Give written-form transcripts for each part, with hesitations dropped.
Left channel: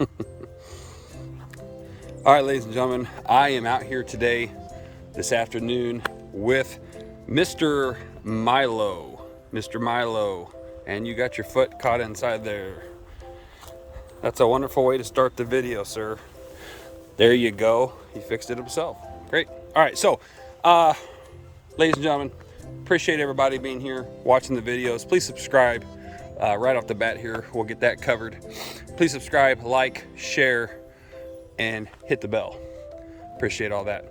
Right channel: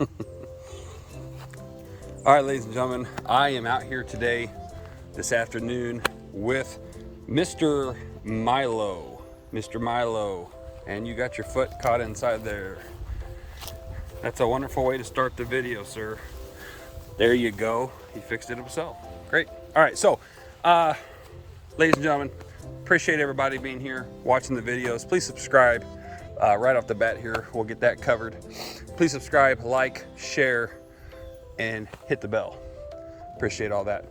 All right, ladies and gentlemen, I am out here today, this afternoon, with Mr. Milo. Mr. Milo, and you got your foot caught inside there. That's a wonderful way to start the video, sir. There you go. He fixed it himself. Great. All right, so, ladies and gentlemen, appreciate everybody being here, watching the videos. Please subscribe right off the bat here. We'll get that covered. Please subscribe, like, share, and hit the bell. Appreciate all that.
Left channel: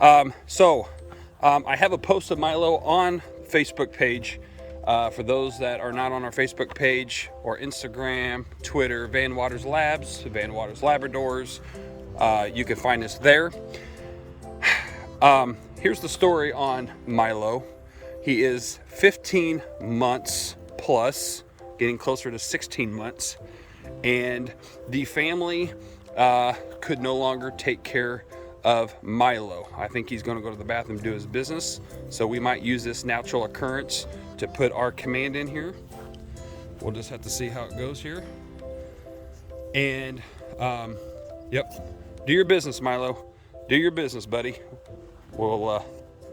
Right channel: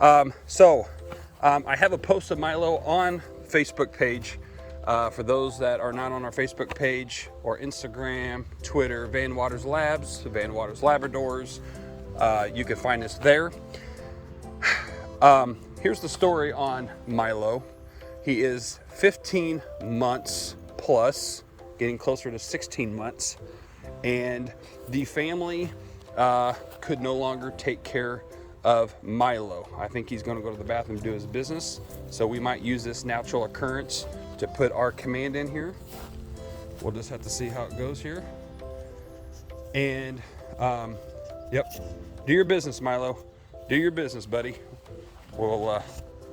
I have a post of Milo on Facebook page. For those that are not on our Facebook page or Instagram, Twitter, Van Waters Labs, Van Waters Labradors, you can find us there. Here's the story on Milo. He is 15 months plus, getting closer to 16 months, and the family could no longer take care of Milo. I think he's going to go to the bathroom and do his business, so we might use this natural occurrence to put our command in here. We'll just have to see how it goes here. And yep, do your business, Milo. Do your business, buddy. We'll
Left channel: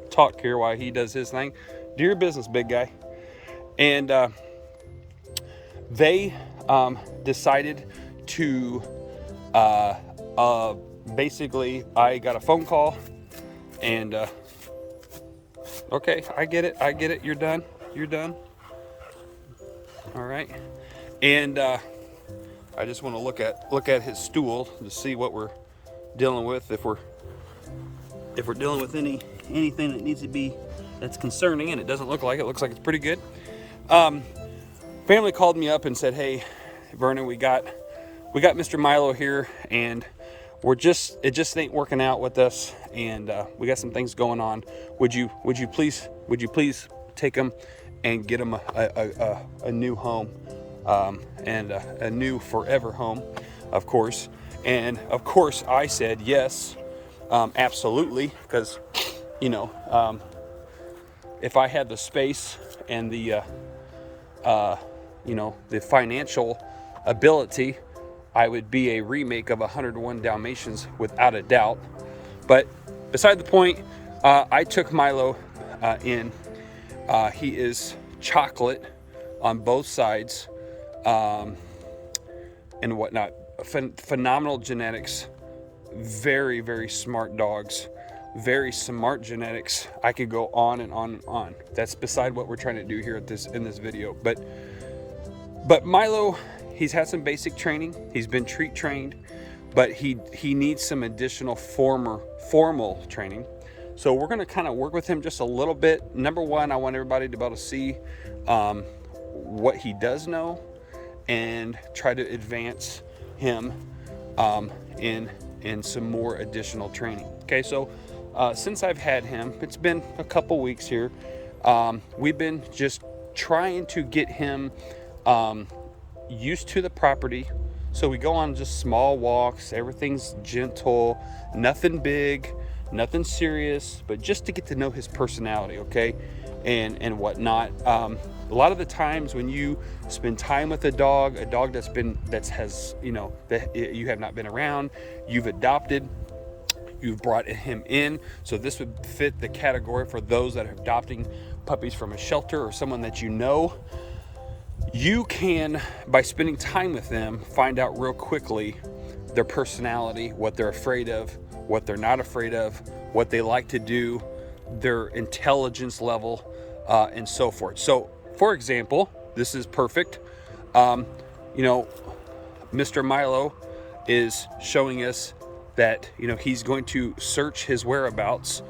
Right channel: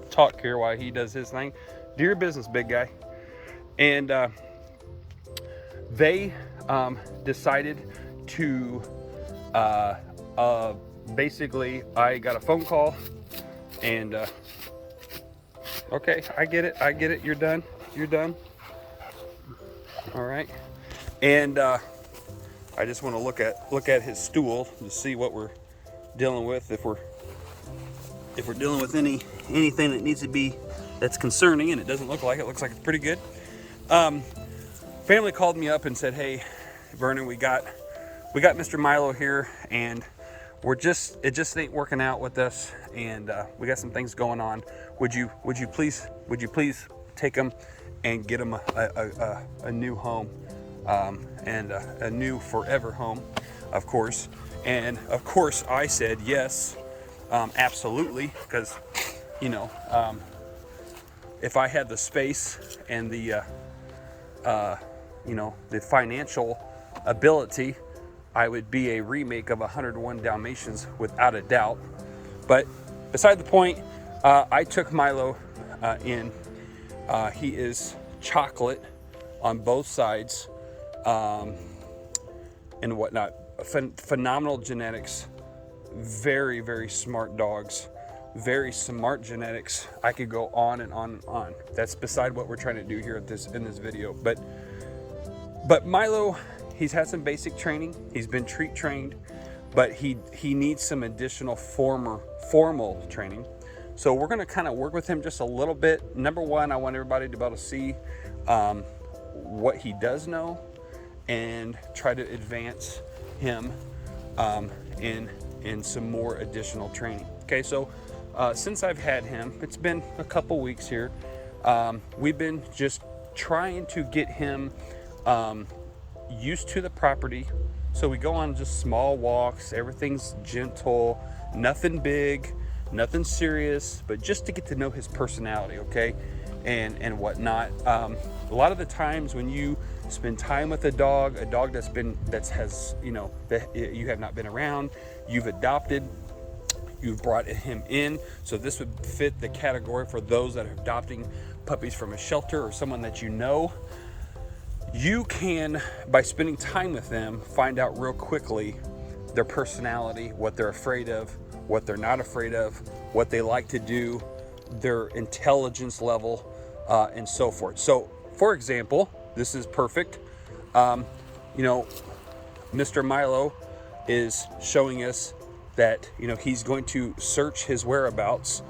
talk here while he does his thing. Do your business, big guy. And they decided to basically, I got a phone call, and okay, I get it, you're done. All right. And I just want to look at his stool to see what we're dealing with, if we're dealing with anything that needs to be, that's concerning, and it doesn't look like it. Looks like it's pretty good. Family called me up and said, "Hey, Vernon, we got Mr. Milo here, and it just ain't working out with us, and we got some things going on. Would you please take him and get him a new home, and a new forever home, of course." And of course I said yes, absolutely, because if I had the space and the the financial ability, I would be a remake of 101 Dalmatians without a doubt. But beside the point, I took Milo in. He is chocolate on both sides, and whatnot. Phenomenal genetics, very, very smart dogs, very smart genetics. I could go on and on and on. That's beside what we're trying to do here in this video. But Milo, he's had some basic training. He's been treat trained, but he needs some additional formal training. So we're going to kind of work with him just a little bit. Number one, I want everybody to be able to see what he does know, and try to advance him in some more additional training. Okay, so since I've had him, it's been a couple weeks here. We've been just trying to get him used to the property. So we go on just small walks. Everything's gentle, nothing big, nothing serious, but just to get to know his personality, okay, and whatnot. A lot of the times when you spend time with a dog that you have not been around, you've adopted, you've brought him in. So this would fit the category for those that are adopting puppies from a shelter or someone that you know. You can, by spending time with them, find out real quickly their personality, what they're afraid of, what they're not afraid of, what they like to do, their intelligence level, and so forth. So, for example, this is perfect. Mr. Milo is showing us that he's going to search his whereabouts.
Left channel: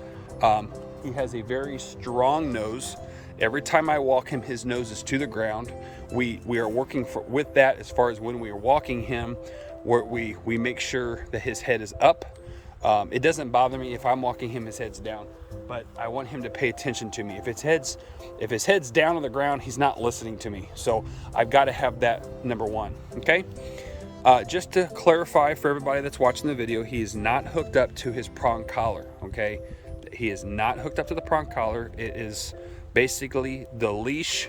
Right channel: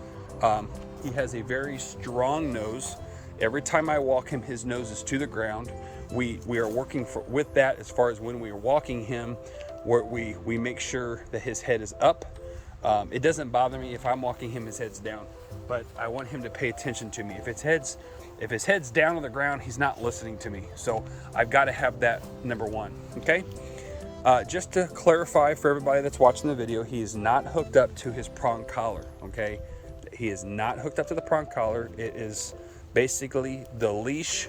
He has a very strong nose. Every time I walk him, his nose is to the ground. We are working with that as far as when we are walking him, where we make sure that his head is up. It doesn't bother me if I'm walking him, his head's down, but I want him to pay attention to me. If his head's down on the ground, he's not listening to me. So I've got to have that, number one. Okay. Just to clarify for everybody that's watching the video, he is not hooked up to his prong collar. Okay. He is not hooked up to the prong collar. It is basically the leash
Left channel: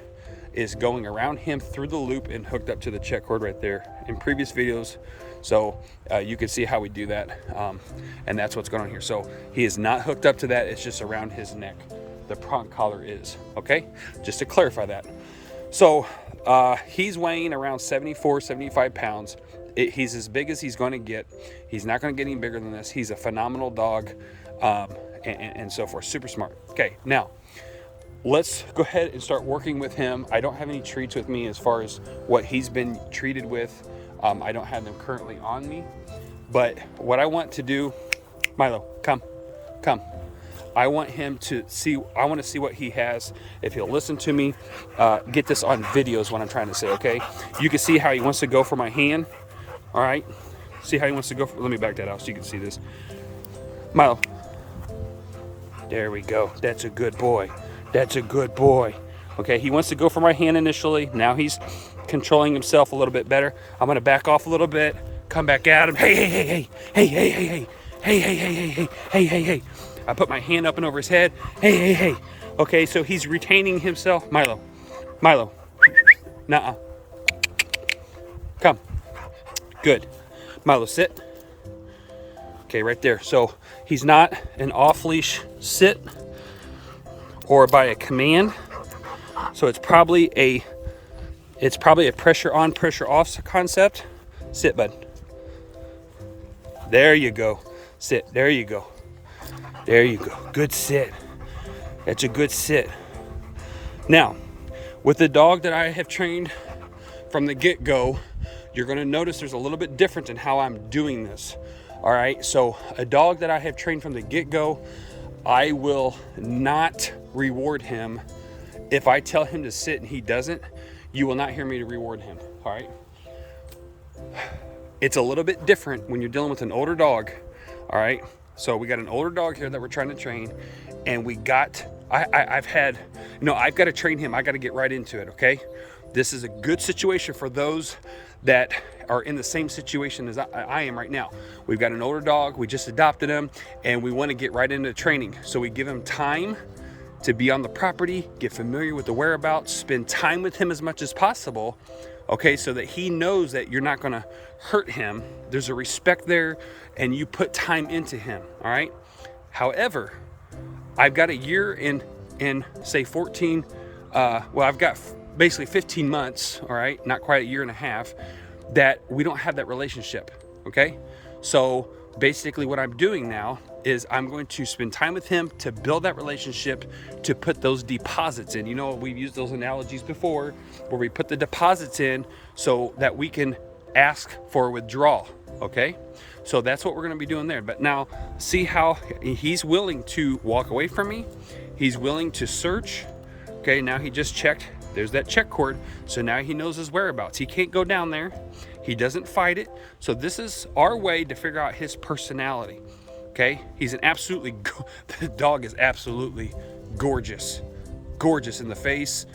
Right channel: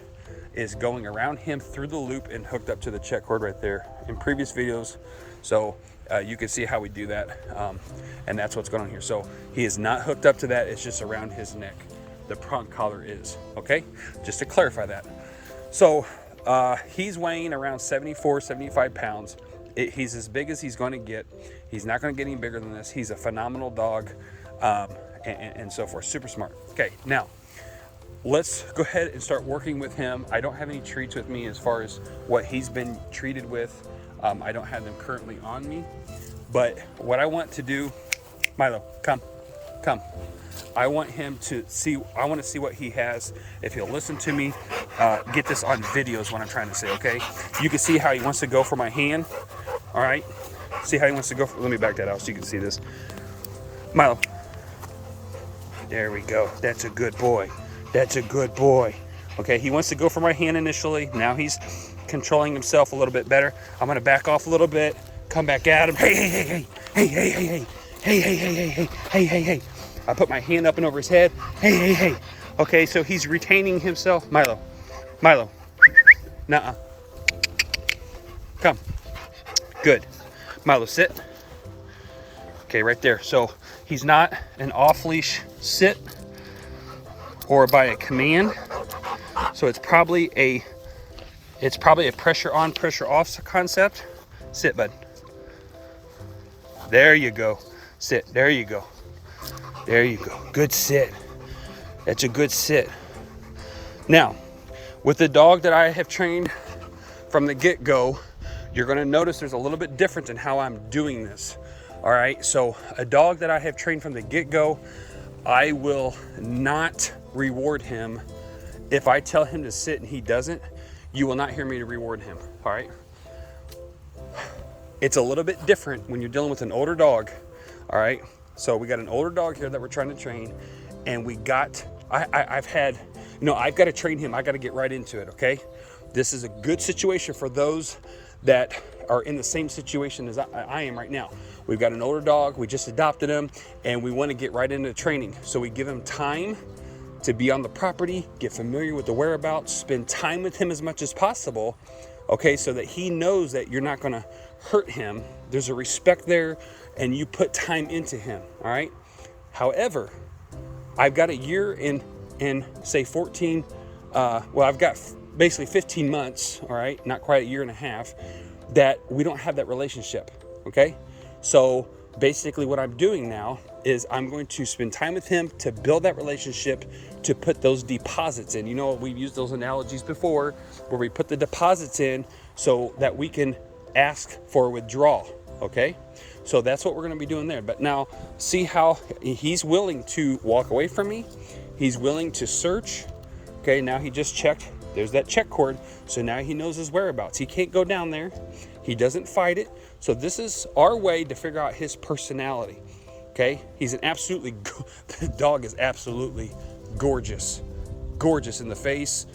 is going around him through the loop and hooked up to the check cord right there. In previous videos, So you can see how we do that, and that's what's going on here. So he is not hooked up to that. It's just around his neck. The prong collar is, okay? Just to clarify that. So he's weighing around 74, 75 pounds. He's as big as he's going to get. He's not going to get any bigger than this. He's a phenomenal dog, and so forth. Super smart. Okay, now let's go ahead and start working with him. I don't have any treats with me as far as what he's been treated with. I don't have them currently on me. But what I want to do, Milo, come. I want him to see, I want to see what he has. If he'll listen to me, get this on video is what I'm trying to say, okay? You can see how he wants to go for my hand. All right, see how he wants to go. Let me back that out so you can see this. Milo, there we go. That's a good boy. That's a good boy. Okay, he wants to go for my hand initially. Now he's controlling himself a little bit better. I'm gonna back off a little bit, come back at him. Hey. I put my hand up and over his head. Hey. Okay, so he's retaining himself. Milo. Nuh-uh. Come. Good. Milo, sit. Okay, right there. So he's not an off-leash sit or by a command. So it's probably a pressure on, pressure off concept. Sit, bud. There you go. Sit. There you go. Good sit. That's a good sit. Now, with the dog that I have trained from the get-go, you're going to notice there's a little bit different in how I'm doing this. All right, so a dog that I have trained from the get-go, I will not reward him. If I tell him to sit and he doesn't, you will not hear me to reward him. All right, it's a little bit different when you're dealing with an older dog. All right, so we got an older dog here that we're trying to train, and I've got to train him. I got to get right into it. Okay, this is a good situation for those that are in the same situation as I am right now. We've got an older dog, we just adopted him, and we want to get right into training. So we give him time to be on the property, get familiar with the whereabouts, spend time with him as much as possible, okay, so that he knows that you're not going to hurt him. There's a respect there, and you put time into him, all right? However, I've got a year in say 14, I've got basically 15 months, all right, not quite a year and a half, that we don't have that relationship, okay? So basically what I'm doing now is I'm going to spend time with him to build that relationship, to put those deposits in. You know, we've used those analogies before where we put the deposits in so that we can ask for withdrawal, okay? So that's what we're going to be doing there. But now see how he's willing to walk away from me. He's willing to search. Okay, now he just checked. There's that check cord. So now he knows his whereabouts. He can't go down there. He doesn't fight it. So this is our way to figure out his personality. Okay, he's an absolutely, the dog is absolutely gorgeous. Gorgeous in the face,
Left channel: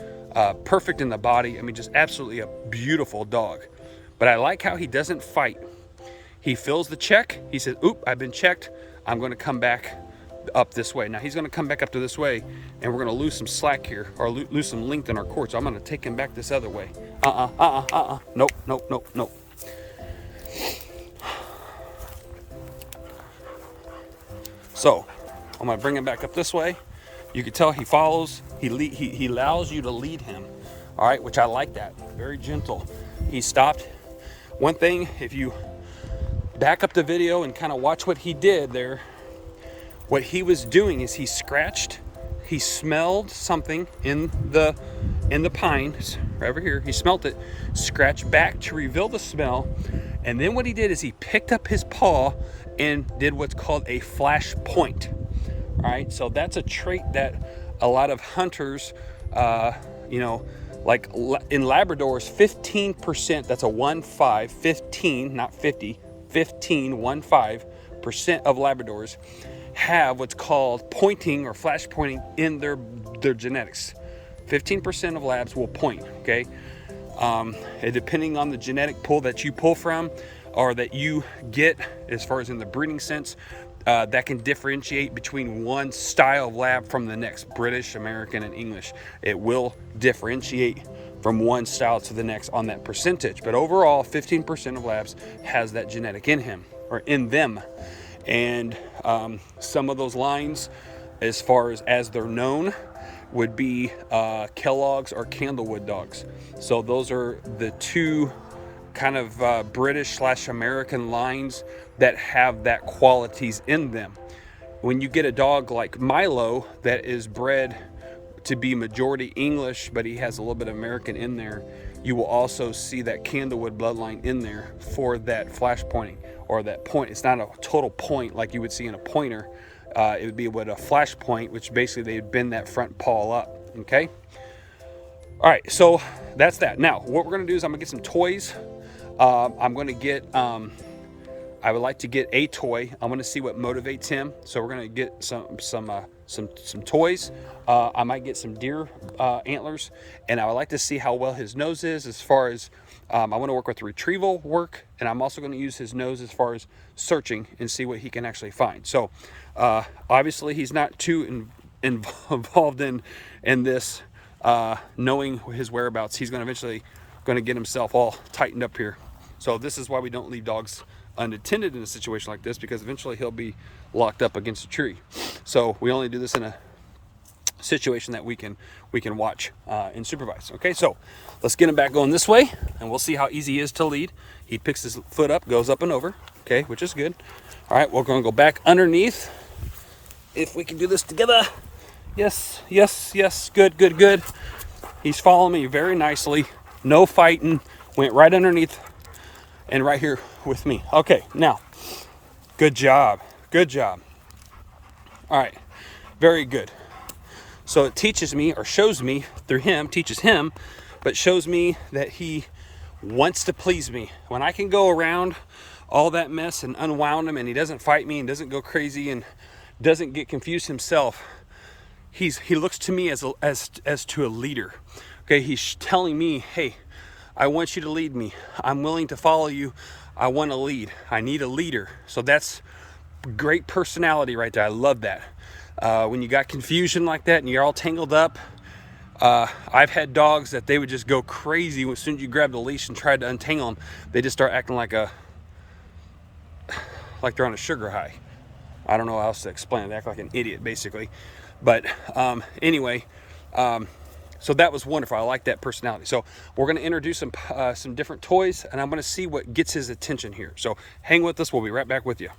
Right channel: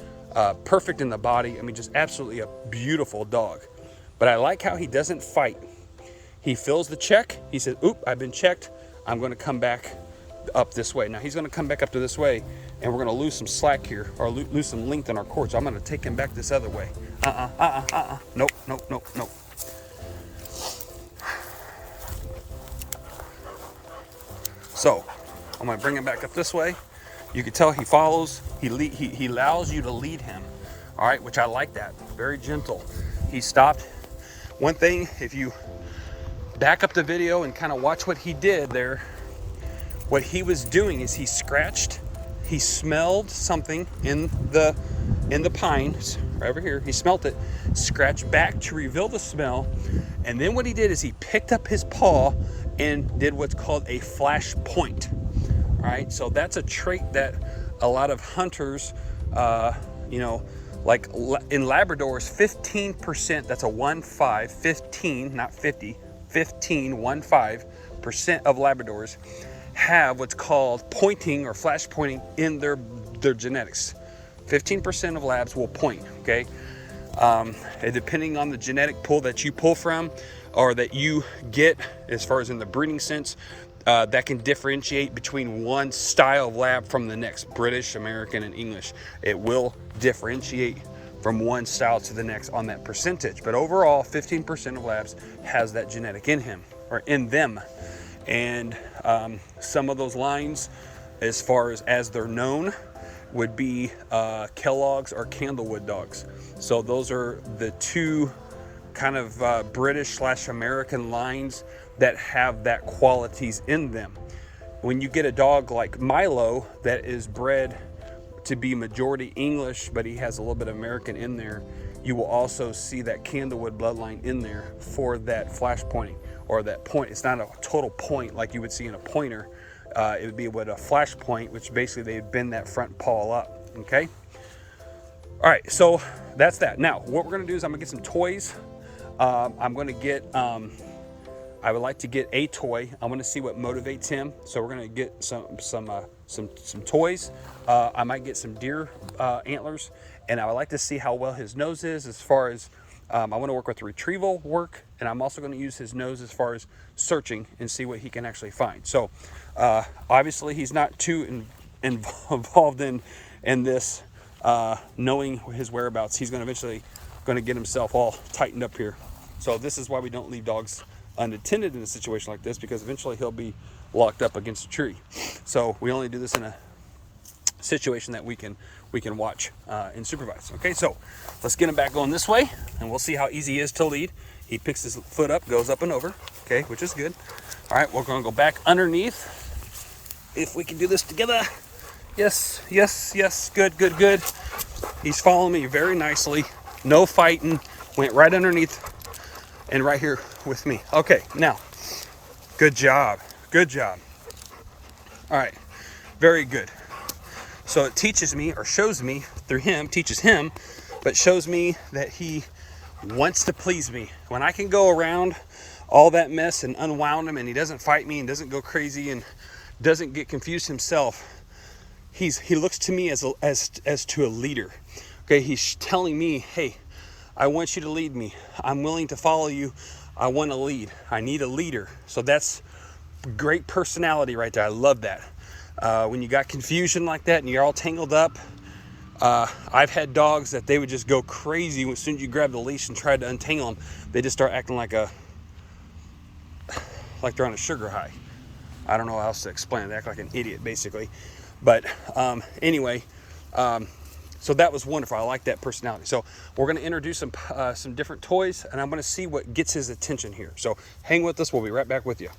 perfect in the body. I mean, just absolutely a beautiful dog. But I like how he doesn't fight. He fills the check. He says, oop, I've been checked. I'm going to come back up this way. Now he's going to come back up to this way, and we're going to lose some slack here, or lose some length in our cord. So I'm going to take him back this other way. Nope. So I'm going to bring him back up this way. You can tell he follows. He allows you to lead him. All right, which I like that. Very gentle. He stopped. One thing, if you back up the video and kind of watch what he did there, what he was doing is he scratched, he smelled something in the pines right over here. He smelt it, scratched back to reveal the smell, and then what he did is he picked up his paw and did what's called a flash point. All right, so that's a trait that a lot of hunters, like in Labradors, 15%, that's a 1-5, 15, not 50, 15% of Labradors have what's called pointing or flash pointing in their genetics. 15% of labs will point, okay? Depending on the genetic pool that you pull from or that you get as far as in the breeding sense, that can differentiate between one style of lab from the next, British, American, and English. It will differentiate from one style to the next on that percentage. But overall, 15% of labs has that genetic in him or in them. And some of those lines, as far as they're known, would be Kellogg's or Candlewood dogs. So those are the two kind of British / American lines that have that qualities in them. When you get a dog like Milo that is bred to be majority English, but he has a little bit of American in there, you will also see that Candlewood bloodline in there for that flash pointing, or that point. It's not a total point like you would see in a pointer. It would be with a flash point, which basically they'd bend that front paw up. Okay. All right. So that's that. Now, what we're going to do is I'm going to get some toys. I'm going to get, I would like to get a toy. I'm going to see what motivates him. So we're going to get some toys. I might get some deer antlers, and I would like to see how well his nose is as far as, I want to work with retrieval work, and I'm also going to use his nose as far as searching and see what he can actually find. So obviously he's not too involved in this, knowing his whereabouts. He's going to eventually get himself all tightened up here. So this is why we don't leave dogs unattended in a situation like this, because eventually he'll be locked up against a tree. So we only do this in a situation that we can watch and supervise. Okay, so let's get him back going this way, and we'll see how easy he is to lead. He picks his foot up, goes up and over, okay, which is good. All right, we're going to go back underneath. If we can do this together. Yes, yes, yes, good, good, good. He's following me very nicely. No fighting. Went right underneath and right here with me. Okay, now, good job, good job. All right, very good. So it teaches me, or shows me through him, teaches him, but shows me that he wants to please me. When I can go around all that mess and unwound him, and he doesn't fight me and doesn't go crazy and doesn't get confused himself, he looks to me as to a leader. Okay, he's telling me, hey, I want you to lead me. I'm willing to follow you. I want to lead. I need a leader. So that's great personality right there. I love that. When you got confusion like that and you're all tangled up, I've had dogs that they would just go crazy as soon as you grab the leash and try to untangle them. They just start acting like they're on a sugar high. I don't know how else to explain it. They act like an idiot, basically. But anyway, so that was wonderful. I like that personality. So we're going to introduce some different toys, and I'm going to see what gets his attention here. So hang with us. We'll be right back with you.